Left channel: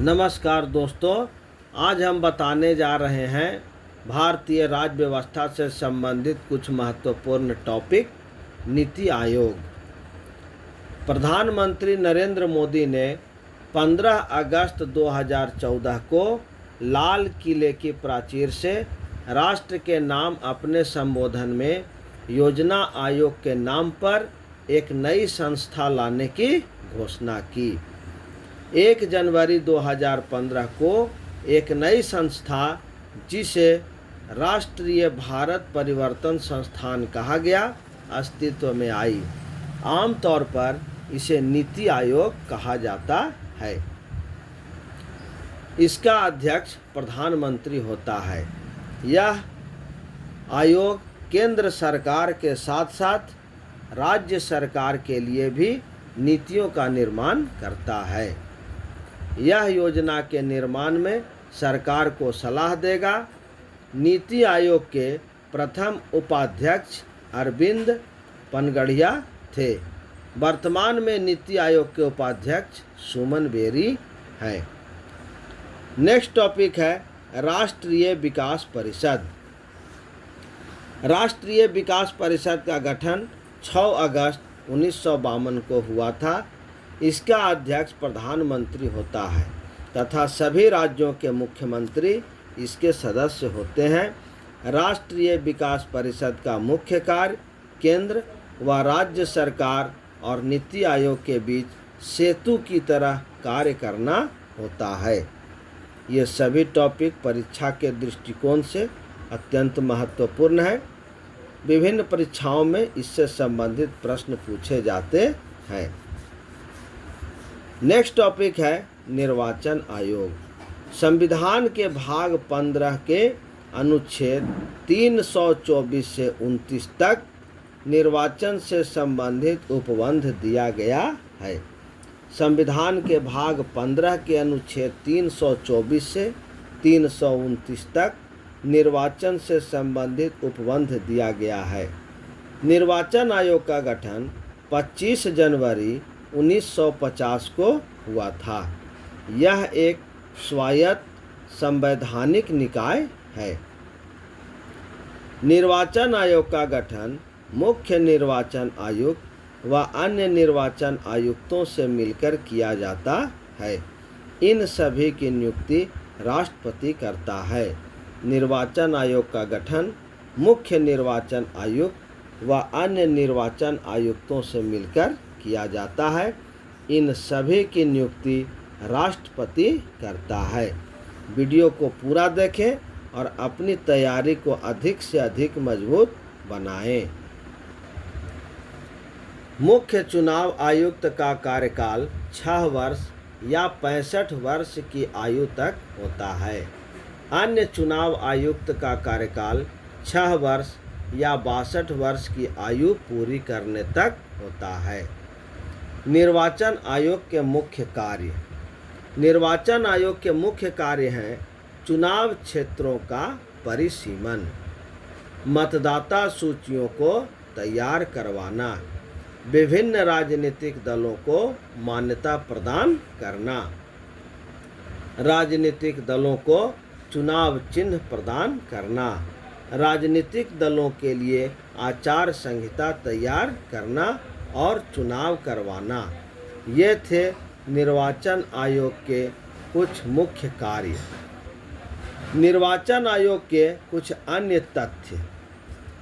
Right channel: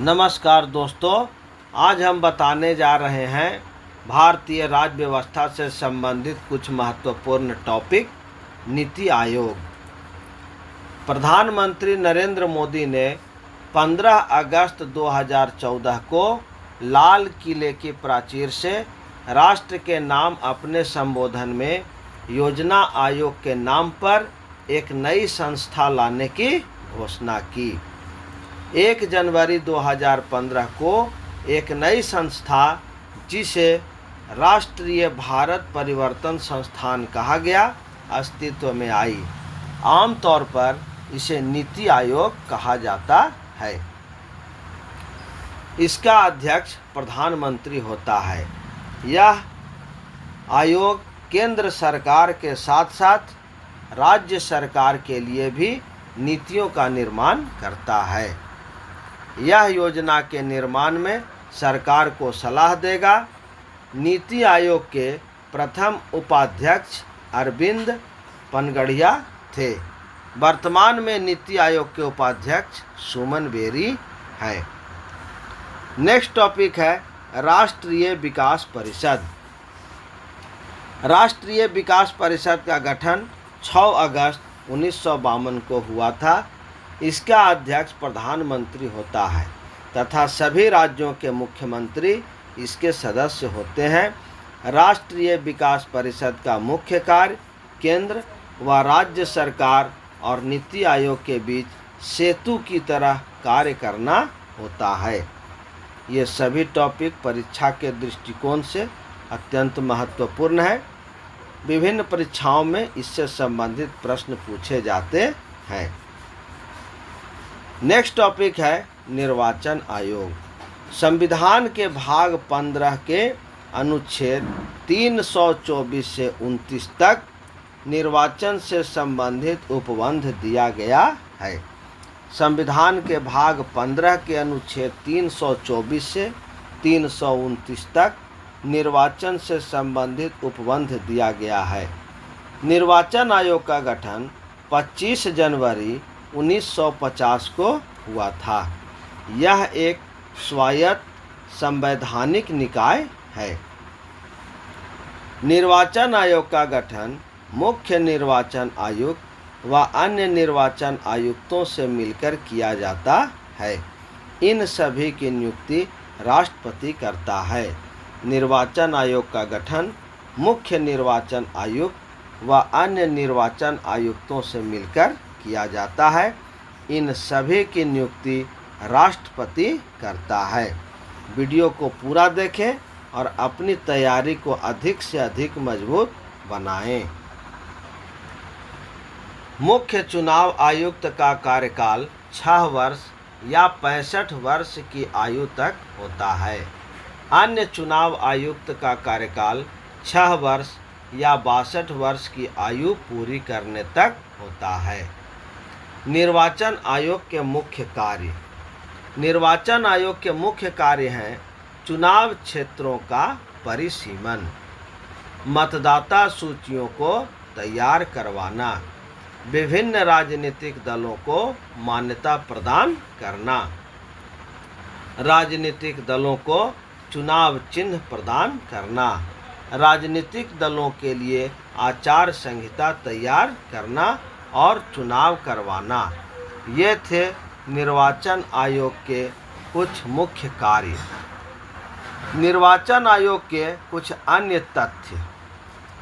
नमस्कार दोस्तों, आज हम बताने जा रहे हैं भारतीय राज्य व्यवस्था से संबंधित कुछ महत्वपूर्ण टॉपिक। नीति आयोग। प्रधानमंत्री नरेंद्र मोदी ने 15 अगस्त 2014 को लाल किले की प्राचीर से राष्ट्र के नाम अपने संबोधन में योजना आयोग के नाम पर एक नई संस्था लाने की घोषणा की। 1 जनवरी 2015 को एक नई संस्था, जिसे राष्ट्रीय भारत परिवर्तन संस्थान कहा गया, अस्तित्व में आई। आमतौर पर इसे नीति आयोग कहा जाता है। इसका अध्यक्ष प्रधानमंत्री होता है। यह आयोग केंद्र सरकार के साथ साथ राज्य सरकार के लिए भी नीतियों का निर्माण करता है। यह योजना के निर्माण में सरकार को सलाह देगा। नीति आयोग के प्रथम उपाध्यक्ष अरविंद पनगड़िया थे। वर्तमान में नीति आयोग के उपाध्यक्ष सुमन बेरी हैं। नेक्स्ट टॉपिक है राष्ट्रीय विकास परिषद। राष्ट्रीय विकास परिषद का गठन 6 अगस्त 1952 को हुआ था। इसका अध्यक्ष प्रधानमंत्री होता है तथा सभी राज्यों के मुख्यमंत्री इसके सदस्य होते हैं। राष्ट्रीय विकास परिषद का मुख्य कार्य केंद्र व राज्य सरकार और नीति आयोग के बीच सेतु की तरह कार्य करना होता है। ये सभी टॉपिक परीक्षा के दृष्टिकोण से अत्यंत महत्वपूर्ण है। विभिन्न परीक्षाओं में इससे संबंधित प्रश्न पूछे जाते हैं। नेक्स्ट टॉपिक है निर्वाचन आयोग। संविधान के भाग 15 के अनुच्छेद 324 से 29 तक निर्वाचन से संबंधित उपबंध दिया गया है। संविधान के भाग 15 के अनुच्छेद 324 से 329 तक निर्वाचन से संबंधित उपबंध दिया गया है। निर्वाचन आयोग का गठन 25 जनवरी 1950 को हुआ था। यह एक स्वायत्त संवैधानिक निकाय है। निर्वाचन आयोग का गठन मुख्य निर्वाचन आयुक्त व अन्य निर्वाचन आयुक्तों से मिलकर किया जाता है। इन सभी की नियुक्ति राष्ट्रपति करता है। निर्वाचन आयोग का गठन मुख्य निर्वाचन आयुक्त व अन्य निर्वाचन आयुक्तों से मिलकर किया जाता है। इन सभी की नियुक्ति राष्ट्रपति करता है। वीडियो को पूरा देखें और अपनी तैयारी को अधिक से अधिक मजबूत बनाएं। मुख्य चुनाव आयुक्त का कार्यकाल 6 वर्ष या 65 वर्ष की आयु तक होता है। अन्य चुनाव आयुक्त का कार्यकाल 6 वर्ष या 62 वर्ष की आयु पूरी करने तक होता है। निर्वाचन आयोग के मुख्य कार्य। निर्वाचन आयोग के मुख्य कार्य हैं चुनाव क्षेत्रों का परिसीमन, मतदाता सूचियों को तैयार करवाना, विभिन्न राजनीतिक दलों को मान्यता प्रदान करना, राजनीतिक दलों को चुनाव चिन्ह प्रदान करना, राजनीतिक दलों के लिए आचार संहिता तैयार करना और चुनाव करवाना। ये थे निर्वाचन आयोग के कुछ मुख्य कार्य। निर्वाचन आयोग के कुछ अन्य तथ्य।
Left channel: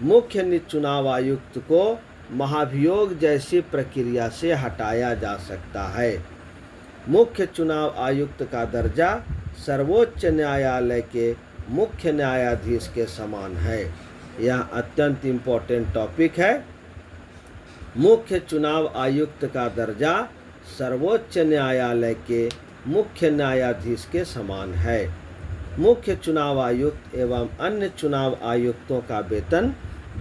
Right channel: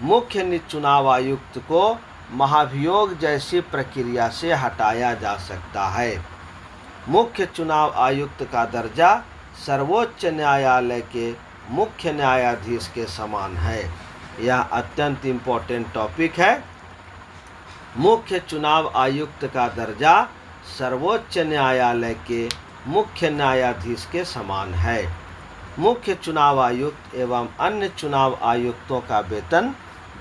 मुख्य चुनाव आयुक्त को महाभियोग जैसी प्रक्रिया से हटाया जा सकता है। मुख्य चुनाव आयुक्त का दर्जा सर्वोच्च न्यायालय के मुख्य न्यायाधीश के समान है। यह अत्यंत इम्पोर्टेंट टॉपिक है। मुख्य चुनाव आयुक्त का दर्जा सर्वोच्च न्यायालय के मुख्य न्यायाधीश के समान है। मुख्य चुनाव आयुक्त एवं अन्य चुनाव आयुक्तों का वेतन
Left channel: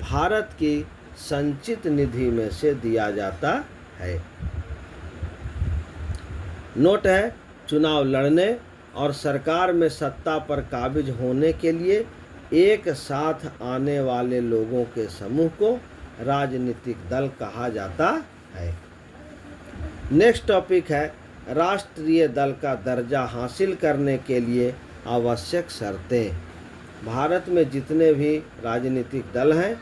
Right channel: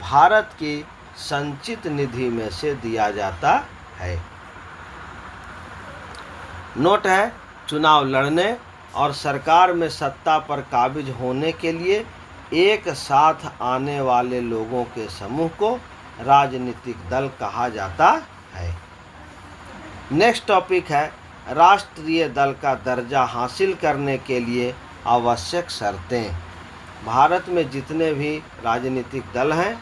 भारत की संचित निधि में से दिया जाता है। नोट है, चुनाव लड़ने और सरकार में सत्ता पर काबिज होने के लिए एक साथ आने वाले लोगों के समूह को राजनीतिक दल कहा जाता है। नेक्स्ट टॉपिक है राष्ट्रीय दल का दर्जा हासिल करने के लिए आवश्यक शर्तें। भारत में जितने भी राजनीतिक दल हैं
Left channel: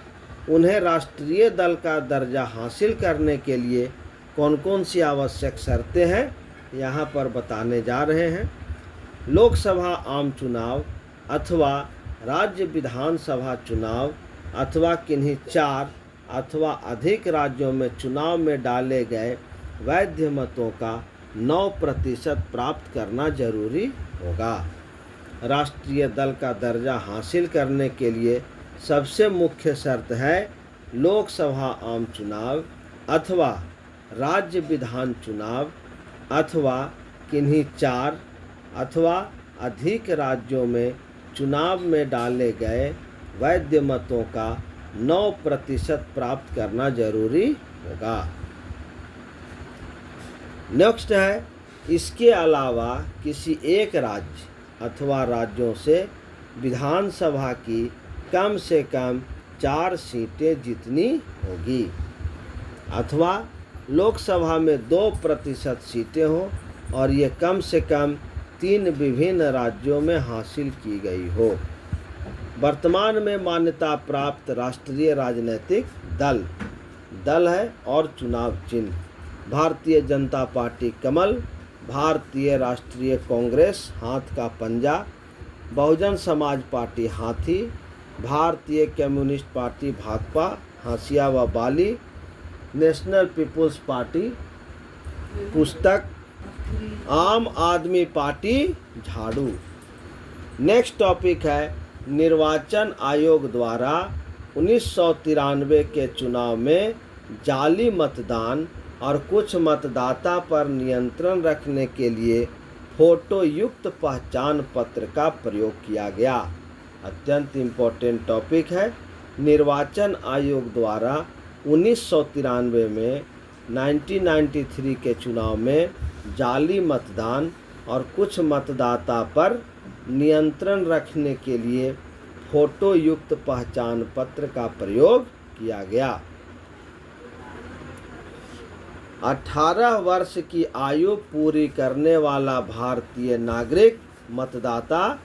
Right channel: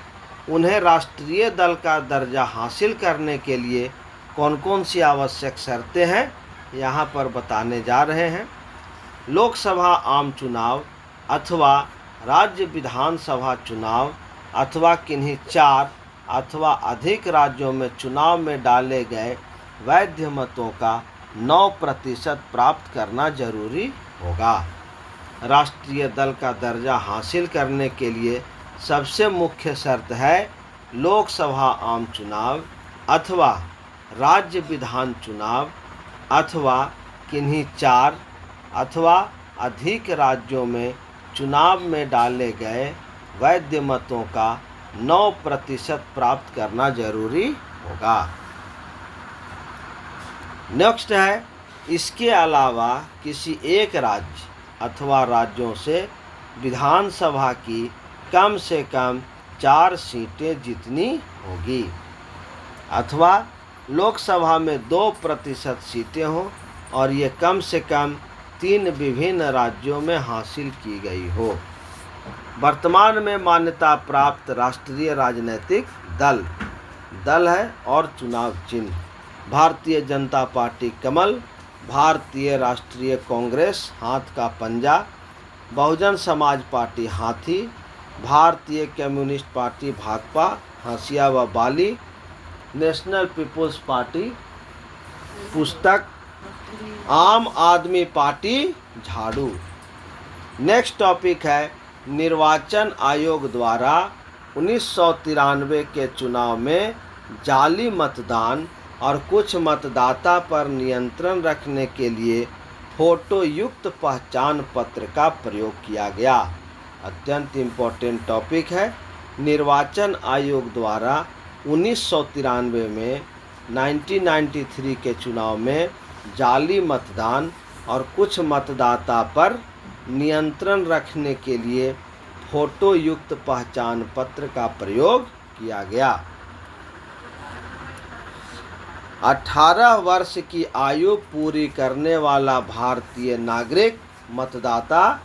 उन्हें राष्ट्रीय दल का दर्जा हासिल करने के लिए कौन कौन सी आवश्यक शर्तें हैं यहाँ पर बताने जा रहे हैं। लोकसभा आम चुनाव अथवा राज्य विधानसभा चुनाव अथवा किन्हीं 4 अथवा अधिक राज्यों में चुनाव में डाले गए वैध मतों का 9% प्राप्त करना जरूरी होगा। राष्ट्रीय दल का दर्जा हासिल करने के लिए सबसे मुख्य शर्त है लोकसभा आम चुनाव अथवा राज्य विधान चुनाव अथवा किन्हीं 4 अथवा अधिक राज्यों में चुनाव में डाले गए वैध मतों का 9% प्राप्त करना जरूरी होगा। नेक्स्ट है, इसके अलावा किसी एक राज्य अथवा राज्यों से विधानसभा की कम से कम 4 सीटें जीतनी होगी अथवा लोकसभा में 2% सीटें हों और ये कम से कम 3 विभिन्न राज्यों में हासिल की गई हो। वर्तमान में मान्यता प्राप्त राष्ट्रीय राजनीतिक दल है और चुनाव चिन्ह भारतीय जनता पार्टी कमल, भारतीय राष्ट्रीय कांग्रेस हाथ का पंजा, बहुजन समाज पार्टी हाथी, भारतीय कम्युनिस्ट पार्टी भाकपा हंसिया व बाली, नेशनल पीपुल्स पार्टी पुस्तक, आम आदमी पार्टी झाड़ू। नेक्स्ट टॉपिक है, निर्वाचन आयोग द्वारा 1993 के चुनाव में जाली मतदान और कुछ मतदाता पर नियंत्रण रखने के लिए फोटो युक्त पहचान पत्र का प्रयोग किया गया। अत्यंत इम्पोर्टेंट टॉपिक है। निर्वाचन आयोग द्वारा 1993 में 1993 के चुनाव में जाली मतदान और कुछ मतदाता पर नियंत्रण रखने के लिए फोटो युक्त पहचान पत्र का प्रयोग किया गया। 18 वर्ष की आयु पूरी करने वाला भारतीय नागरिक मतदाता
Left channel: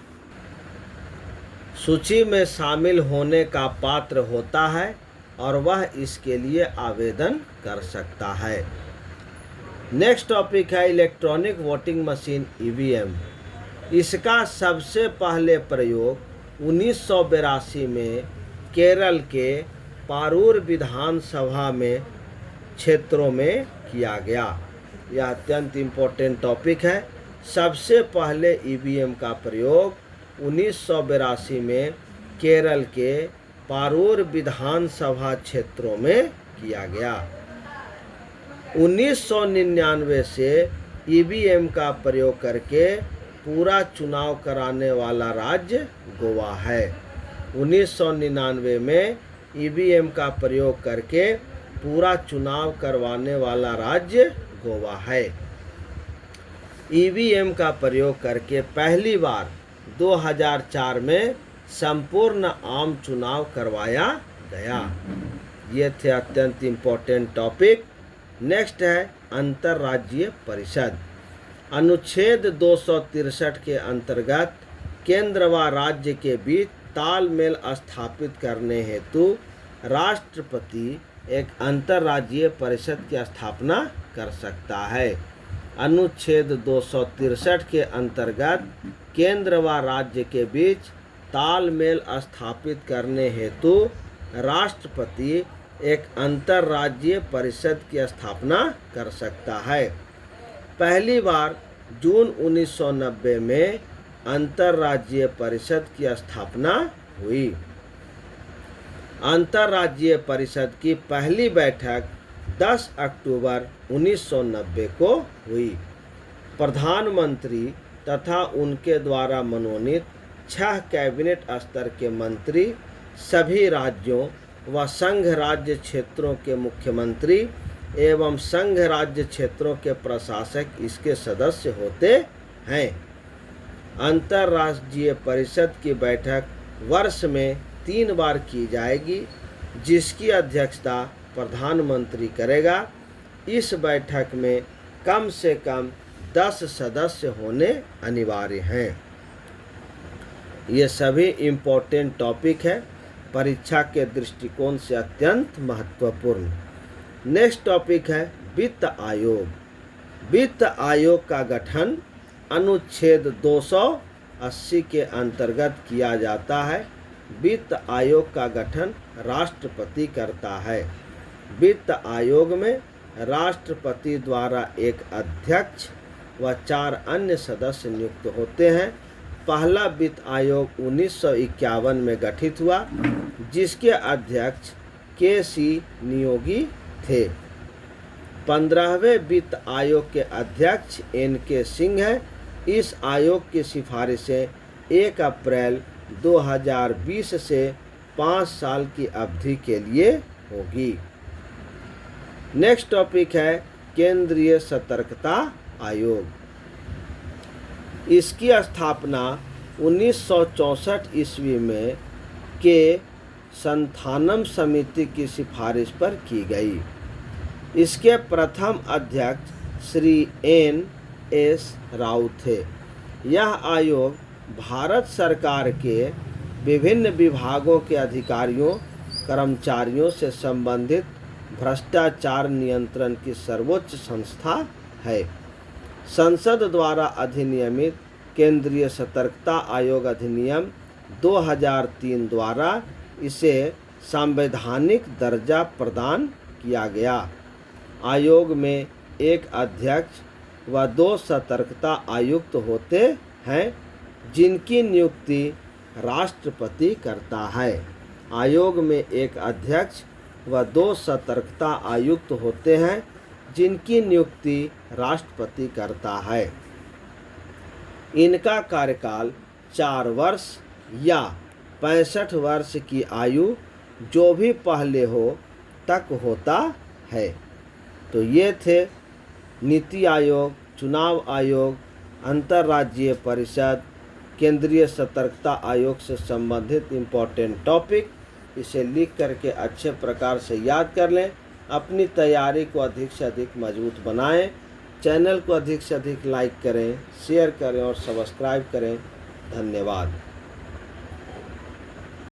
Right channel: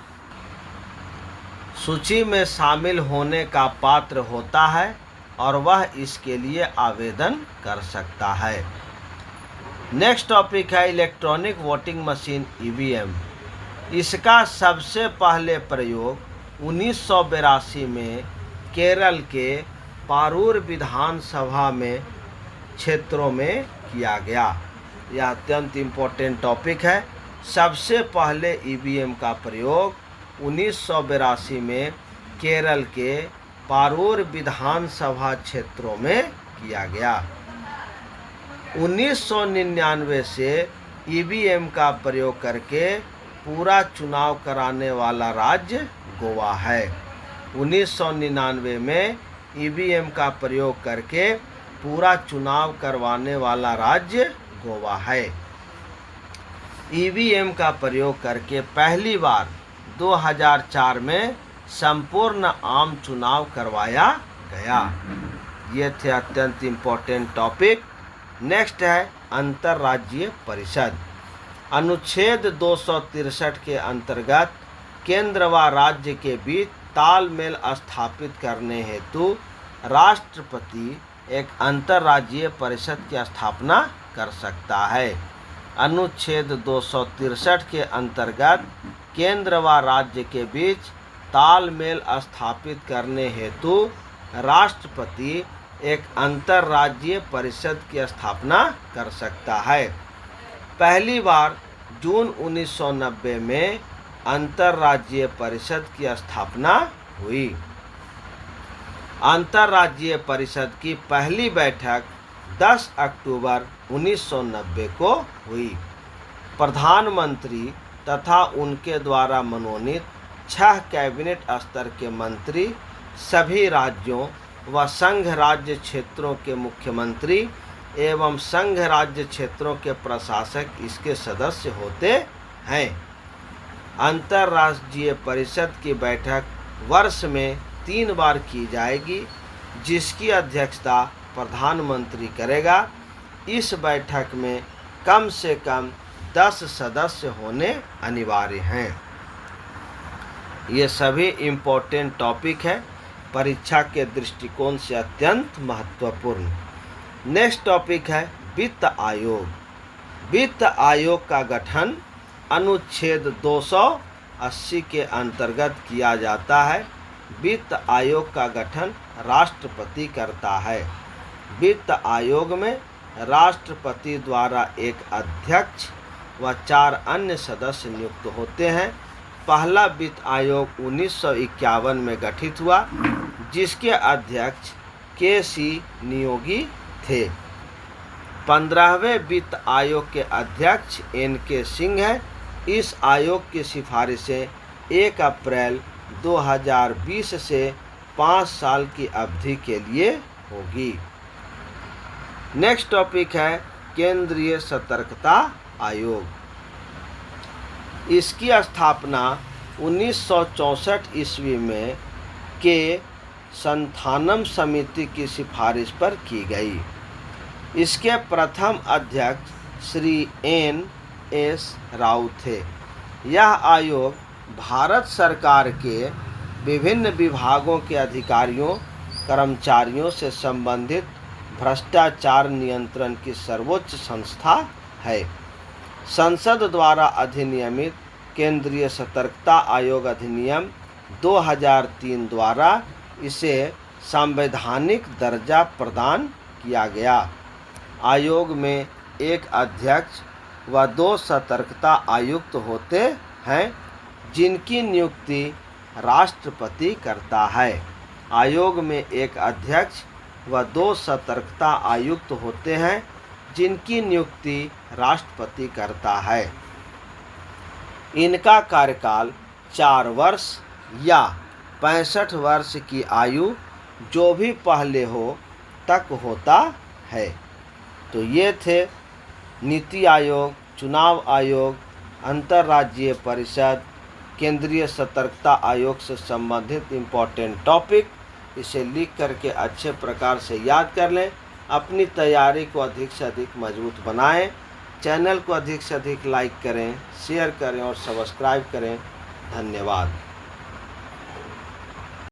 सूची में शामिल होने का पात्र होता है और वह इसके लिए आवेदन कर सकता है। नेक्स्ट टॉपिक है, इलेक्ट्रॉनिक वोटिंग मशीन ईवीएम। इसका सबसे पहले प्रयोग 1982 में केरल के पारूर विधानसभा में क्षेत्रों में किया गया। यह अत्यंत इम्पोर्टेंट टॉपिक है। सबसे पहले ईवीएम का प्रयोग 1982 में केरल के पारूर विधानसभा क्षेत्रों में किया गया। 1999 से ईवीएम का प्रयोग करके पूरा चुनाव कराने वाला राज्य गोवा है। 1999 में ईवीएम का प्रयोग करके पूरा चुनाव करवाने वाला राज्य गोवा है। ईवीएम का प्रयोग करके पहली बार 2004 में संपूर्ण आम चुनाव करवाया गया। ये थे अत्यंत इम्पोर्टेंट टॉपिक। नेक्स्ट है, अंतर्राज्यीय परिषद। अनुच्छेद 263 के अंतर्गत केंद्र व राज्य के बीच तालमेल स्थापित करने हेतु राष्ट्रपति एक अंतर्राज्यीय परिषद की स्थापना कर सकता है। अनुच्छेद 263 के अंतर्गत केंद्र व राज्य के बीच तालमेल स्थापित करने हेतु राष्ट्रपति एक अंतर्राज्यीय परिषद की स्थापना कर सकता है। पहली बार जून 1990 में अंतर्राज्यीय परिषद की स्थापना हुई। अंतर्राज्यीय परिषद की पहली बैठक 10 अक्टूबर 1990 को हुई। प्रधानमंत्री तथा उनके द्वारा मनोनीत 6 कैबिनेट स्तर के मंत्री, सभी राज्यों व संघ राज्य क्षेत्रों के मुख्यमंत्री एवं संघ राज्य क्षेत्रों के प्रशासक इसके सदस्य होते हैं। अंतर्राज्यीय परिषद की बैठक वर्ष में 3 बार की जाएगी, जिसकी अध्यक्षता प्रधानमंत्री करेगा। इस बैठक में कम से कम 10 सदस्य होने अनिवार्य हैं। ये सभी इम्पोर्टेंट टॉपिक है, परीक्षा के दृष्टिकोण से अत्यंत महत्वपूर्ण। नेक्स्ट टॉपिक है वित्त आयोग। वित्त आयोग का गठन अनुच्छेद 280 के अंतर्गत किया जाता है। वित्त आयोग का गठन राष्ट्रपति करता है। वित्त आयोग में राष्ट्रपति द्वारा एक अध्यक्ष व 4 अन्य सदस्य नियुक्त होते हैं। पहला वित्त आयोग 1951 में गठित हुआ, जिसके अध्यक्ष के.सी. नियोगी थे। 15वें वित्त आयोग के अध्यक्ष N.K. सिंह हैं। इस आयोग की सिफारिशें 1 अप्रैल 2020 से 5 साल की अवधि के लिए होगी। नेक्स्ट टॉपिक है केंद्रीय सतर्कता आयोग। इसकी स्थापना 1964 ईस्वी में के संथानम समिति की सिफारिश पर की गई। इसके प्रथम अध्यक्ष श्री N.S. राव थे। यह आयोग भारत सरकार के विभिन्न विभागों के अधिकारियों कर्मचारियों से संबंधित भ्रष्टाचार नियंत्रण की सर्वोच्च संस्था है। संसद द्वारा अधिनियमित केंद्रीय सतर्कता आयोग अधिनियम 2003 द्वारा इसे संवैधानिक दर्जा प्रदान किया गया। आयोग में एक अध्यक्ष व 2 सतर्कता आयुक्त होते हैं, जिनकी नियुक्ति राष्ट्रपति करता है। आयोग में एक अध्यक्ष व 2 सतर्कता आयुक्त होते हैं, जिनकी नियुक्ति राष्ट्रपति करता है। इनका कार्यकाल 4 वर्ष या 65 वर्ष की आयु जो भी पहले हो तक होता है। तो ये थे नीति आयोग, चुनाव आयोग, अंतर्राज्यीय परिषद, केंद्रीय सतर्कता आयोग से संबंधित इम्पोर्टेंट टॉपिक। इसे लिख करके अच्छे प्रकार से याद कर लें। अपनी तैयारी को अधिक से अधिक मजबूत बनाएं। चैनल को अधिक से अधिक लाइक करें, शेयर करें और सब्सक्राइब करें। धन्यवाद।